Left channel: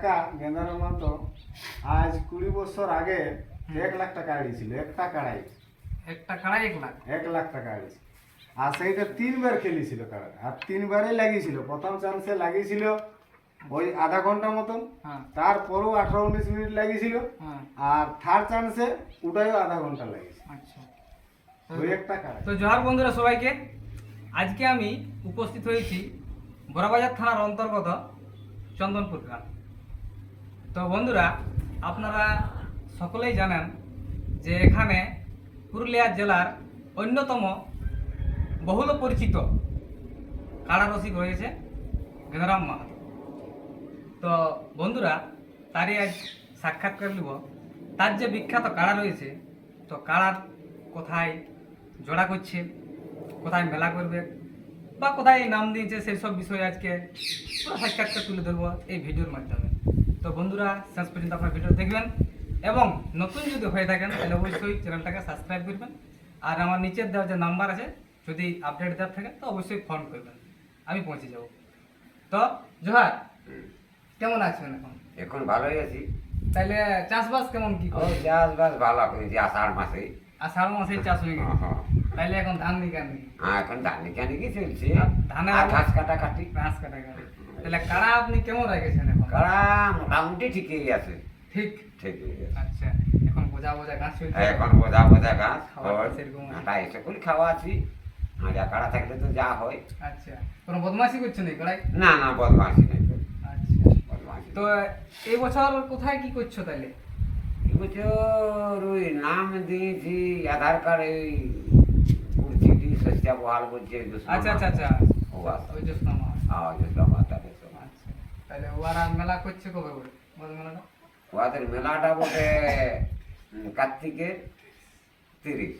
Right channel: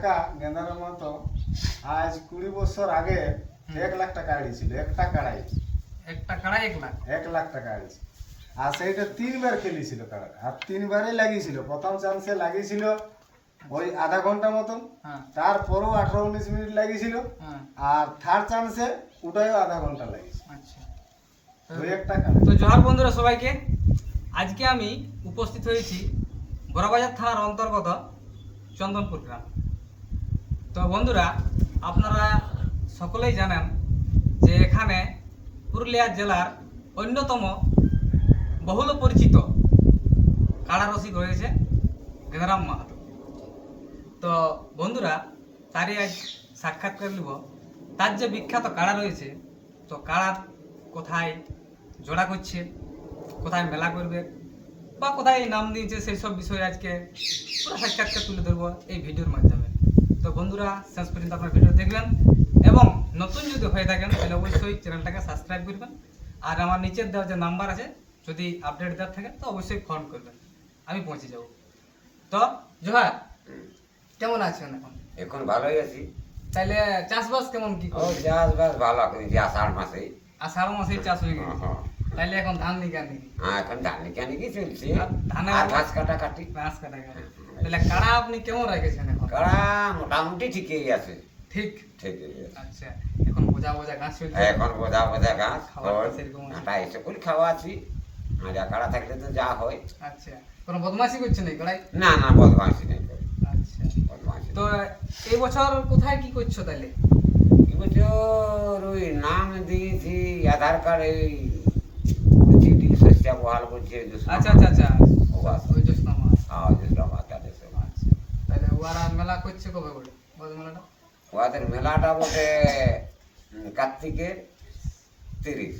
কাকা গেন্দারাম মাহাতো আজ কুড়ি বছর আগে এক লাখ টাকা আড়িয়েছিল একটা কাড়াই। একটা কাড়াই এক লাখ। এক লাখ টাকা আড়িয়েছিল। আর সেইটা তিনবার খেলেছিল কাড়া আর তিনবারই লাগিয়েছিল। প্রথম চান্সে লাগিয়েছিল ওই আধা ঘণ্টা মতন হ্যাঁ। তারপরও আঠারো উনিশ মিনিট লাগিয়েছিল হ্যাঁ। আর থার্ড চান্সে ওটাও আধা ঘণ্টা লাগিয়েছিল। আচ্ছা। তো জহার বন্ধুরা সবাইকে আজকে আমি উপস্থিত হয়েছি বড়বাজার থানার অন্তর্গত চন্দনপুর গ্রাম। তো বন্ধুরা, আপনারা সকলেই জানেন যে এখানে পুরুলিয়া জেলার অন্যতম বহুল পরিচিত কাড়া রসিক রয়েছে গেদারাম মাহাতো। তো বন্ধুরা, তারই আজ সাক্ষাৎকার নিব। তার যে বিখ্যাত কাড়া রয়েছে, তো কাড়ার কোথায় জোড়া করছে, কোথায় মেলা করবে, বা কোথায় নাম দিয়েছে, সেই সব বিষয়ে আজকে পুরো সাক্ষাৎকার তুলে ধরবো এই ভিডিওর মাধ্যমে। তো বন্ধুরা শেষ পর্যন্ত আপনার ভিডিও দেখবেন। এবং নতুন যদি হয়ে থাকেন তাহলে অবশ্যই চ্যানেলটাকে সাবস্ক্রাইব করবেন। আর আমার নিচের দেওয়া যে নাম্বার আছে যদি আপডেট দেওয়ার থাকে তো অবশ্যই ফোন করবেন। আমি পৌঁছে যাব। তো জোহার কেমন আছেন এখন? এখন ভালোই আছি। তাহলে চাষবাস কেমন কি ও চাষবাস ভালো করেছি আষাঢ় মাসে আষাঢ় মাসে চাষ হয়ে গেছে। হ্যাঁ। তাইলে এখন ধান নিকান? নাকি হ্যাঁ এখন ধান কেন কি চলছে? আর ঘাস কাটা কাটি ঘাস কাটা কাটা তাহলে কাড়া আপনি কেমন রেখেছেন এখন? কাড়া মোটামুটি ঠিকই আছে। ঠিক? ঠিকই আচ্ছা এখন বোঝা বোঝা ঘাস চলছে এখন বোঝা বোঝা ঘাস আটা এসে করে খাওয়া আছি। আর যা কাড়া থাকলে তো যা হয়। আচ্ছা কোনো বদমাশি করছে নাকি কড়াই না না বদমাসি নেই। আচ্ছা। বদমাসি তো এই বছর কোথায় কি করছ তাইলে এবছর ওই নাম দিয়েছি আধার কার্ড এই চিঠি শস্যা বহাল করছে আচ্ছা আচ্ছা আচ্ছা। ওই জ্যৈষ্ঠ মাস। হ্যাঁ দুষ্ণা মাস তাদের সব আচ্ছা তাহলে ওরা মেলা করছে কবে করে? বড় মেলাটা। ওদের মেলাটা বটে কার্তিকের তিরিশ।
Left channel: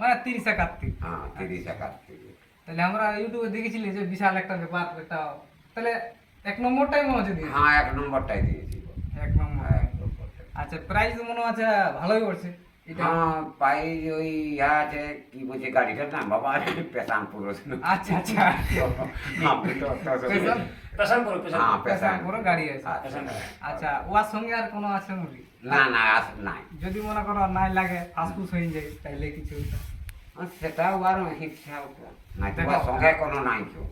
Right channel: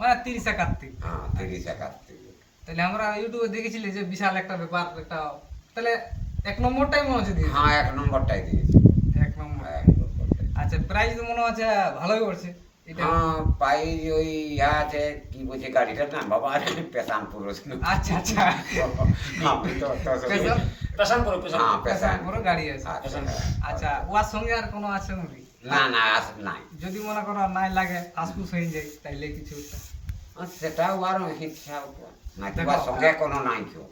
মানে তিরিশে কার্তিক হ্যাঁ তিরিশে কার্তিকের তাহলে আমরা ইউটিউবে দেখেছিলি যে বিশাল একটা ব্যাপার একটা তাহলে এক নম্বরটাই মনে হচ্ছে দিয়েছে। হ্যাঁ এক নম্বরটাই দিয়েছি। এক নম্বর। হ্যাঁ। আচ্ছা প্রাইস মনে হচ্ছে ভালোই পড়ছে। এটা হ্যাঁ পাই ওই ইয়া আছে কি বলছে গাড়িটার নাম? বাবা পেশান পুরুষ আচ্ছা। আচ্ছা তো পেশান করে পেশান হ্যাঁ পেশান করে গাড়ি আছে। আচ্ছা আচ্ছা। ওর সঙ্গে আর কোনো আছে নাকি? না না আস নাই। যদি মনে করো নাই লাগে ফাসফুস হয়ে যায় তাইলে কিছু নাই দেখো, তোমার সঙ্গে কোনো নাই কেউ।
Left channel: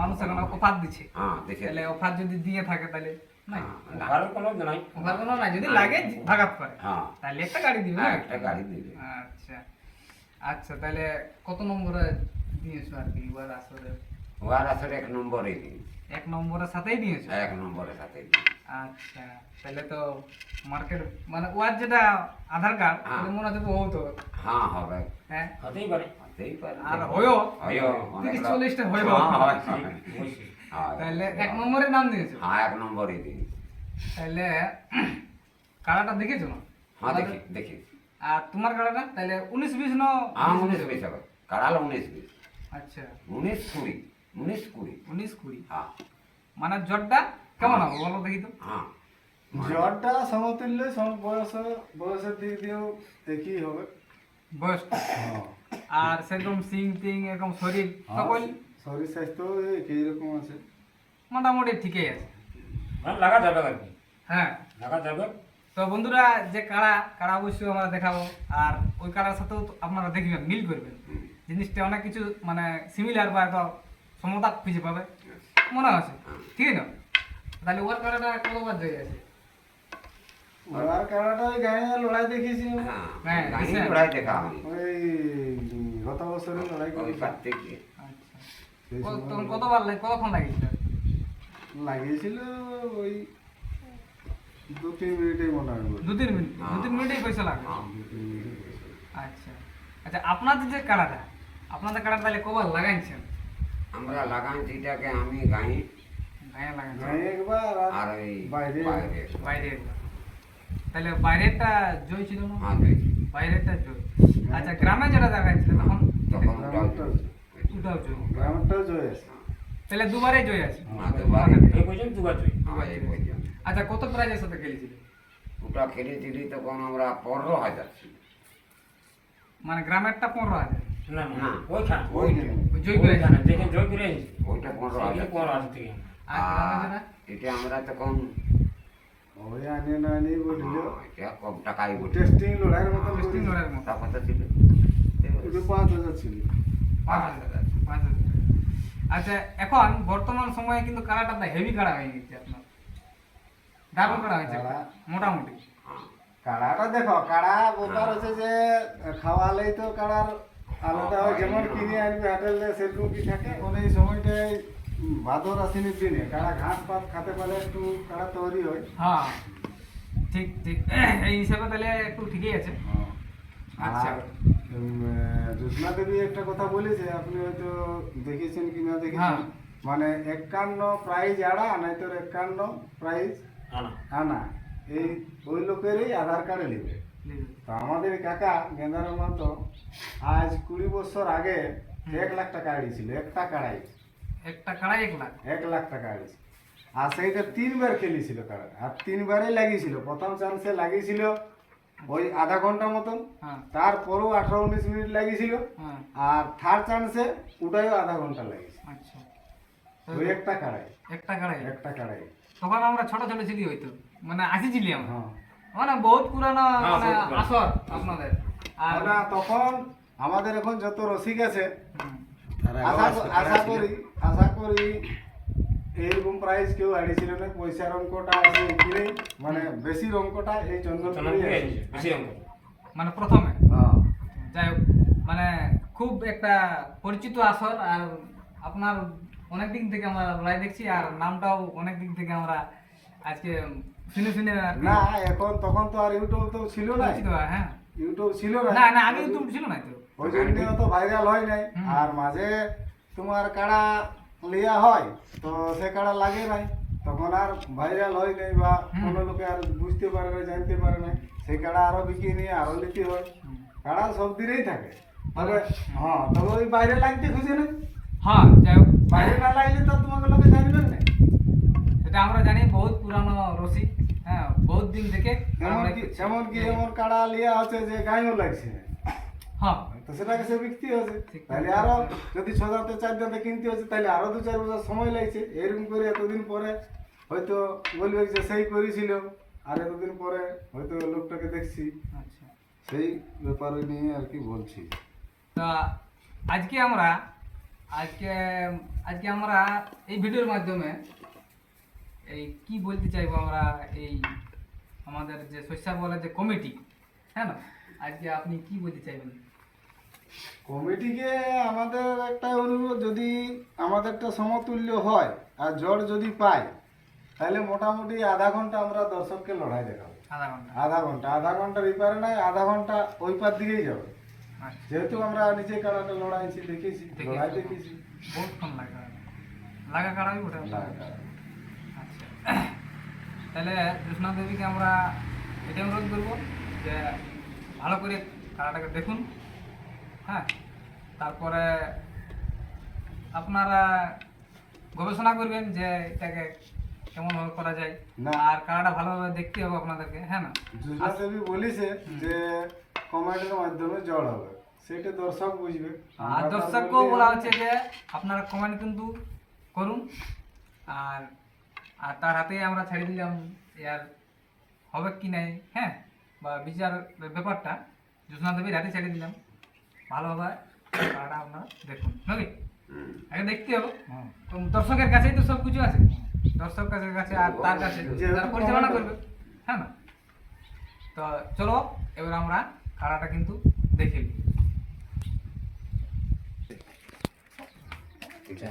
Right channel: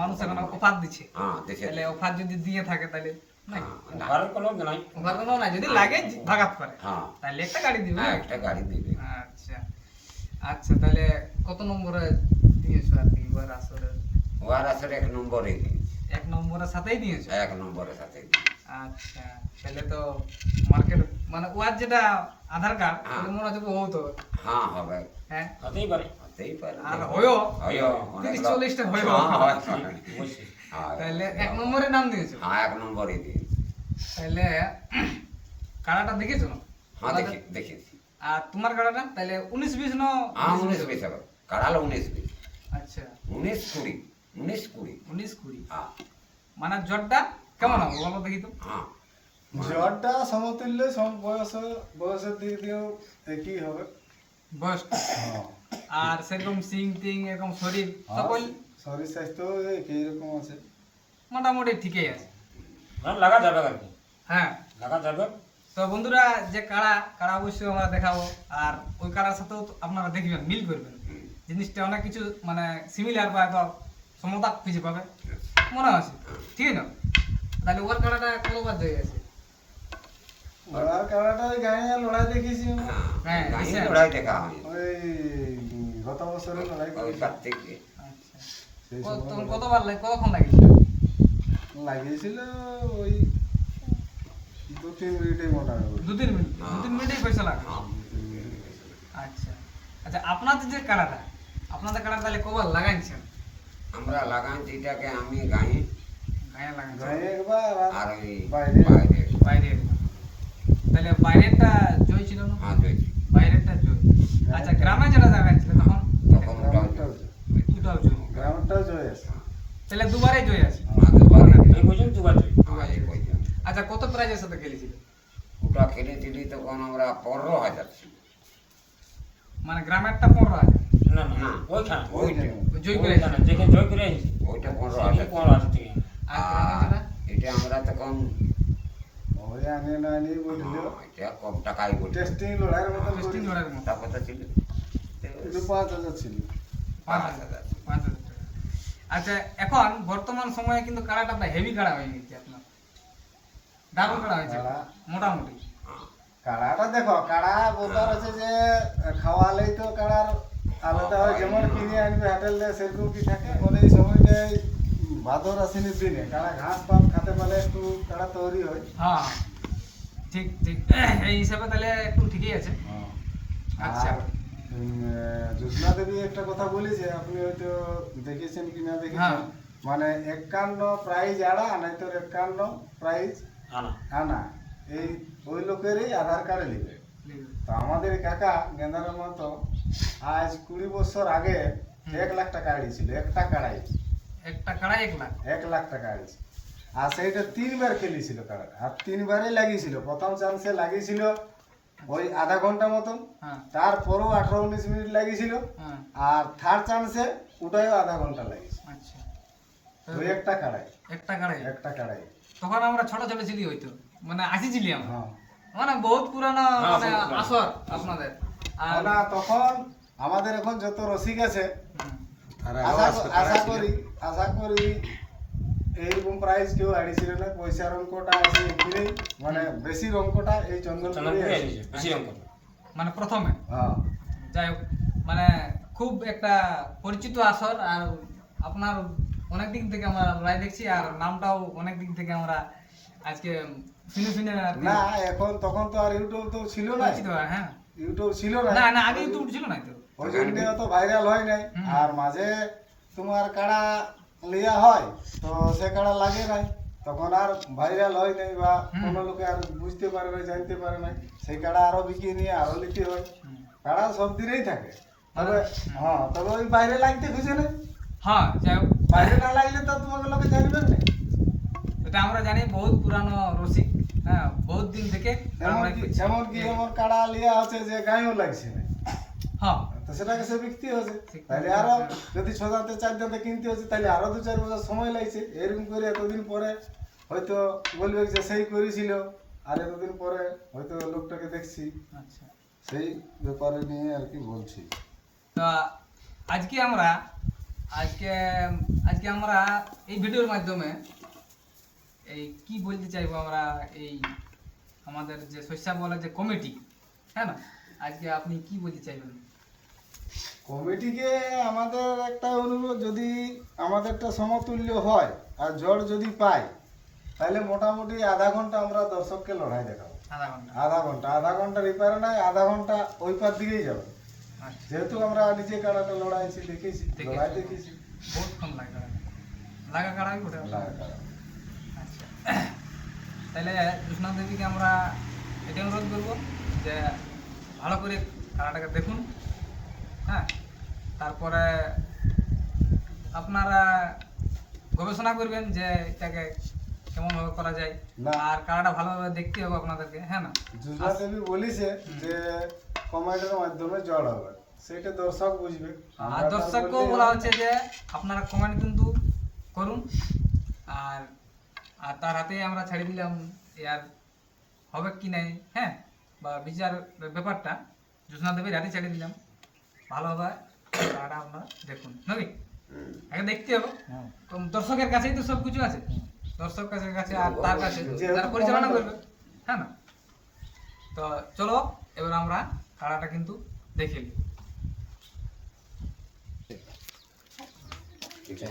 মানুষ এখন অফার দিচ্ছে হ্যাঁ তাহলে অফার যদি দিয়ে থাকে তাহলে হ্যাঁ, যদি লাগে ভাগাত করে। হ্যাঁ। একটা গাড়ি দিবে হ্যাঁ, একটা গাড়ি দিবে। আচ্ছা। আচ্ছা তাহলে কত নম্বরে দিয়েছ আর কি? আসরে ওয়ার আসলে এক নম্বরে দিয়েছি। এক নম্বরের সাথেই দিয়েছ? এক নম্বরের সাথে। আচ্ছা তাহলে তো মার্কেট মানে ওয়ার যেটা আধার কার্ড হ্যাঁ। ওটা মনে হচ্ছে হতো। হ্যাঁ হবে। হ্যাঁ। হতেই পারে। হতেই পারে। আর হয়ও হয়ও তিরিশ চল্লিশটা হয়ও হ্যাঁ, হ্যাঁ, তাহলে এক নম্বরে নাম দিয়েছ? হ্যাঁ এক নম্বরে দিয়েছি। তাহলে কাড়াটা দেখেছ না? হ্যাঁ দেখি দেখেছি আর তোমার কাড়াটা তাহলে উনিশ বিশ ন হ্যাঁ উনিশ বিশ হবে। কাড়ালো উনিশ বিশ। আচ্ছা। উনিশ কুড়ি। উনিশ কুড়ি। উনিশ কুড়ি। হ্যাঁ। মানে জটটা কেমন হবে বলো দেখি তো? হ্যাঁ। জ্বরটা সমতুল্য বয়স বয়সের দিক দিয়েও একই হবে। বয়সটা হ্যাঁ। আর সেরকম সিং টিং এরকম শরীর সকল শরীর স্বাস্থ্য একই রকম আছে। মোটামুটি ঠিকই আছে। হ্যাঁ লাগা যাবে আর কি? হ্যাঁ। লাগা যাবে? তো বন্ধুরা যে কাড়া কাড়া অবশ্যই আমরা দেখাবো। আর ওই কাড়ার সাথেও তো আপনারা দেখবেন মিল করবেন। জিনিসটা অনেক কিছু মানে সিমিলার বা এত সমতা খুঁজে পাবে। মনে আছে? ঠিক না তাহলে ওর কাড়াটা কতবার জায়গায় আছে গায়ে লড়াই দেখেছি হ্যাঁ হ্যাঁ। লড়াই দেখা ওই গত বছরে লড়াই ওই করেছি। আচ্ছা। তখন কতবার লাগে কতক্ষণ লাগিয়েছিল? লাগিয়েছিল ওই দু তিন মিনিটেই মোটামুটি দু তিন মিনিট? দু তিন মিনিটেই পয়সা লাগে? হ্যাঁ মিনিট। আচ্ছা। আচ্ছা আপনাদের যে কাড়াটা আপনাদের কাড়াটা তাহলে কবার লাগাইছেন? আমরা লাগাইছি এটাকে আমি গায়ে গায়ে লাগাইছেন গায়ে একবার আর ওই বাইরে। বাইরে। বাইরে একবার। তাহলে বাইরেরটা জয় ছিল না? হ্যাঁ দুই বাইরেরটা জয়। আচ্ছা গ্রামে যেটা লাগাইছিল তখন? তখন দুটাও জয়। গ্রামটাও জয় আছে। তাহলে দুবারে জয় আছে। আমাদের বাড়ি এই পর্যন্ত দুবার হ্যাঁ, আচ্ছা কত প্রাইজের সাথে খেলেছিল? ওটা খেলেছিলি তখন আমরা পনেরো হাজার ছিল। মানে গ্রামেরটা পনেরো হাজার। না না না। ওইখানে ওইটা ওই ওইখানে যেখানে জয় ওইটা পনেরো হাজার পনেরো হাজার থেকে। আর গ্রামে যেটা এটা আমরা তখন ওই আনে না বলিল হ্যাঁ, এটা কম টাকাই বলি টেস্টিং লড়াইয়ের মতো টেস্টিং লড়াইয়ের মতো কথা ছিল। এটা পাঁচ হাজার ছিল। পাঁচ হাজার পাঁচ হাজার টাকা। আচ্ছা এখন বর্তমান সময়ে কিন্তু কাড়াটা হেভি কাড়া হয়ে গেছে আপনার। দারুণ কাড়া হয়েছে কাড়া। মোটামুটি। হ্যাঁ। কাড়াটা দেখো কাড়া বোকার হচ্ছে যে খাওয়ালেই তো কাড়ার আলাদা হয় যেমন কিনে আনবে হাটেল দিয়ে সেরকম কি থাকে? ওর এই সময়টাই ভাদর আশ্বিনের দিনে। কাড়া ঘাস পাত খেতে পারে একটু কাড়া তৈরি হয়। হ্যাঁ ঠিক ঠিক। এই হিসেবে তাহলে একটু ঠিকই আছে। আচ্ছা। আর জ্যোৎস্না দেবী একটা কথা বলেছে আপনি হয়তো দেখেছেন কি না দেখেছেন? হ্যাঁ। মানে একান্ন প্রাইজ আড়া নাই তোর একান্ন প্রাইজ আনা। আনা। এই ওই লোকেরই আধার কার্ডে নেবে তো আমাদের কাকা গেন্দারাম তো আজ কুড়ি বছর আগে এক লাখ টাকা আড়িয়েছিল একটা কাড়াই। একটা কাড়া এক লাখ। এক লাখ টাকা আড়িয়েছিল। আর সেইটা তিনবার খেলেছিল কাড়া আর তিনবারই লাগিয়েছিল। প্রথম চান্সে লাগিয়েছিল ওই আধা ঘণ্টা মতন হ্যাঁ। তারপরেও আঠারো উনিশ মিনিট লাগিয়েছিল হ্যাঁ। আর থার্ড চান্সে ওটাইও আধা ঘণ্টা লাগিয়েছে আচ্ছা। ওই একটা কাড়াই। একটা কাড়াই। একটা কাড়াই। তখন আমরা ছোট ছোট ছিলি হয়তো মানে আসিছিলি আমরা। হ্যাঁ। মানে বহুত পুরানো মানে আসর আপনাদের। আর না তখন আমাদের এখন যত রসিক আছে আশা করি আশা করি এইরকম প্রাইস কেউ আড়িয়েছিল না পয়সার অঙ্কটা আছে এখানেই মানে বেশি অঙ্কটা এই চন্দনপুরে বেশি অঙ্ক মানে প্রথমে? হ্যাঁ। যাই হোক মানে খুব একটা পরিচিত আসর আর আপনার অনেক দিন থেকে আমরা লাইভ দেখছি আর নামটাও অনেক দিন থেকে আমরা আজকে শুনে শুনে না এখন তখন তো আর ইউটিউব তো ছিল না। হ্যাঁ। ইউটিউব ছিল না? না না আগে তো ছিল না তো। ওই জন্য অত ভাইরাল হয় নাই। আর মাঝে তোমার কাড়া লিয়া হয় তো সে কাড়া লাগে নাই। তখন আর ভাইরাল হয় নাই বা। কোনো লোকে আর বুঝতে পারে না জানতে পারে না সেই কাড়া আরও বিকিয়ে নিয়ে আরও নিতে হয়। কাড়া সব দিনেই থাকে। তবে হ্যাঁ। তবে ওই বাইরে লাগতে খুশি না হ্যাঁ বাইরে না লাগলে তো তোমাকে লোকে জানবেন না। এটা আমরা জানি বহুত পুরানো রসিক। হ্যাঁ বহুত দিন থেকে আমরা কি। এমন এমন কাড়া লিয়া আছে যে গায়েও লাগছে? হ্যাঁ। তো সেটাকে সে বিকতে হচ্ছে তাহলে। আরও যদি ছ দাঁতে চার দাঁতে কিনতে হচ্ছে তাহলে আরও দু চার বছর সময় লাগছে। এরকম করে এতদিন পরে হয়তো বলবে যে সেই করেছিল। আর এতদিন পরে হয়তো লোকটাকে দেখছি। আচ্ছা। সেই ব্যাপারে নিয়ে আর কি বলছি। তা আজকে আমরা আজকে আজকে আমরা এই ভিডিওর মাধ্যমে এই কি বলতে চাইব আমরা এই আমাদের যে শস্যা বলার যে কমিটি হ্যাঁ না? আজকে আপনি কি বলতে চাইবেন? কমিটিকে আমাদের একটা অনুরোধ যদি আমাদেরটা সমতুল্য হয় আর ঝড় যদি পাই তাহলে মোটামুটি আধা ঘণ্টা আমরা দর্শককে লড়াই দেখাবো। আধা ঘণ্টা। আধা ঘণ্টা। আধা ঘণ্টা রিপারে নাই আধা ঘণ্টা ওই পার দিকেই যাবে। আচ্ছা। যেহেতু আমরা নিচে কাড়াটা লড়াইছি দেখেছি। লড়াই দেখেছি। বহুত ফোন লাগা লাগা কাড়াই ওঠে লড়াই কাড়া। আচ্ছা তাহলে কৃষ্ণা দেবীকে আমরা এটা অনুরোধ করব যে ভালো করে খেলাটাকে দেখুন হ্যাঁ? তারপরে আপনারা গবেষণা করবেন যে এটাকে কেমনভাবে করা যায় না। আর খেলাটা ভালোভাবে দেখতে হবে আপনাদেরকে হ্যাঁ না? জুজনা দেবী বলিছে যে কমেন্টের মাধ্যমে জড় হবে। সেটা দর্শক বুঝবে। আর আমরা তার দর্শককেও বললেই বলা হবে। হচ্ছে যে আপনারা কমেন্ট কিন্তু করুন। আর আর তার হাতেই আমরা ছেড়ে দিলাম আর হবে কি নাই হ্যাঁ? বা বিচার ব্যাপারটা জ্যোৎস্না দেবীর হাতে ছেড়ে দিলাম। ভালোভাবে খেলাটা আপনারা দেখুন নাকি? আগে দেখতে হবে। তো দর্শকের কাছেই তো সব কিছু আছে। দর্শক কাছে কাছে আর তার কাছে যারা পরিচালনা করবে হ্যাঁ না? তো চলো এবার আমরা খেলাটা কিন্তু দেখে নিই।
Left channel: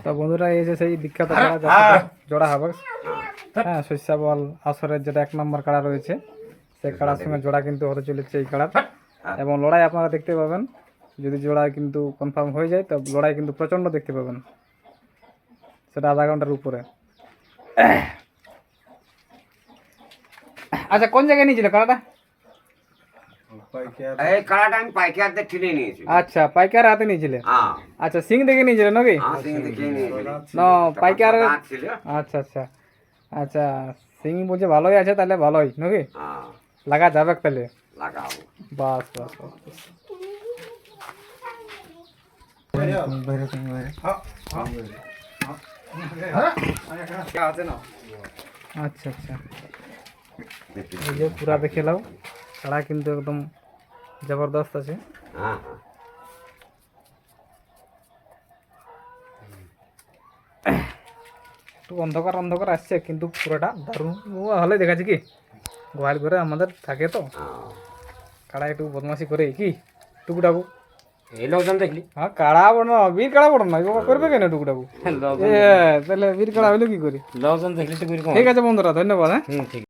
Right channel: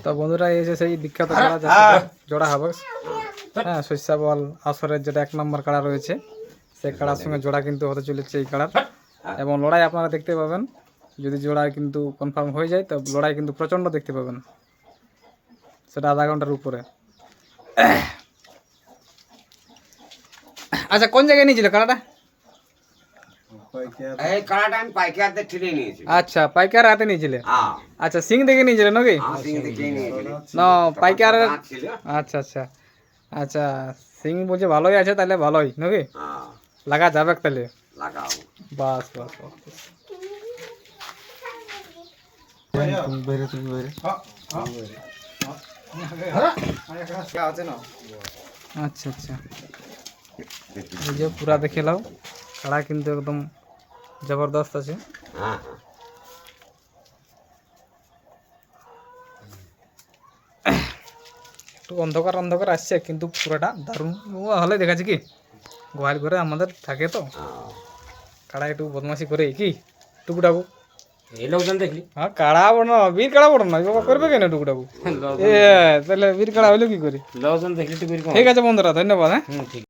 তো বন্ধুরা এই যে সেই বিখ্যাত কাড়া যাতে জোড়া হবে হ্যাঁ শস্যা বল আসরের যেটা এক নম্বর কাড়া রয়েছে সেই কাড়ার সঙ্গে জোড়া কিন্তু হতে চলেছে এই কাড়ার এবং লড়াই আপনারা দেখতে পাবেন যদি জোড়া কিন্তু কনফার্ম হয়ে যায় তো লড়াই কিন্তু প্রচণ্ড দেখতে পাবেন। সেটা আধা ঘণ্টার উপরে। আচ্ছা কোন জায়গায় নিয়েছিল কাড়াটা এই কালাটা আমি পাইকারতে কিনে নিয়েছি। আচ্ছা পাইকার হাতে নিয়েছিলে? হ্যাঁ আচ্ছা সিং দেখে নিয়েছিলে নাকি? হ্যাঁ সিং দেখে নিয়েছি। না পাইকার আচ্ছা আচ্ছা। আচ্ছা সিং বলছে ভালোই আছে তাহলে ভালোই নাকি? হ্যাঁ লাগা যাবে তাহলে। লাগাও। বাস বাস বাস। বাইরে তুমি বাইরে। আচ্ছা আচ্ছা। এই যে পুরা দেখে নাও কাড়া কিন্তু একদম জবরদস্ত আছে। হ্যাঁ হ্যাঁ। একটু অন্ধকার অন্ধকার আসছে কিন্তু পুরোটা দারুণ। হলে দেখাচ্ছে কি? গোয়াল ঘরে আমাদের থাকে তো। হ্যাঁ। কাড়া একটু বদমাশি করে কি? টুকুটাকু। এই লোকজন দেখলি? হ্যাঁ কাড়া বড় না বীর কাড়া বড় না বাবা করবে কেন টুকুটাকু? এ তাহলে বীর কাড়া হইল কি করি? লোকজন দেখলি ঠিক আছে বন্ধুরা ধন্যবাদ হ্যাঁ। ঠিক।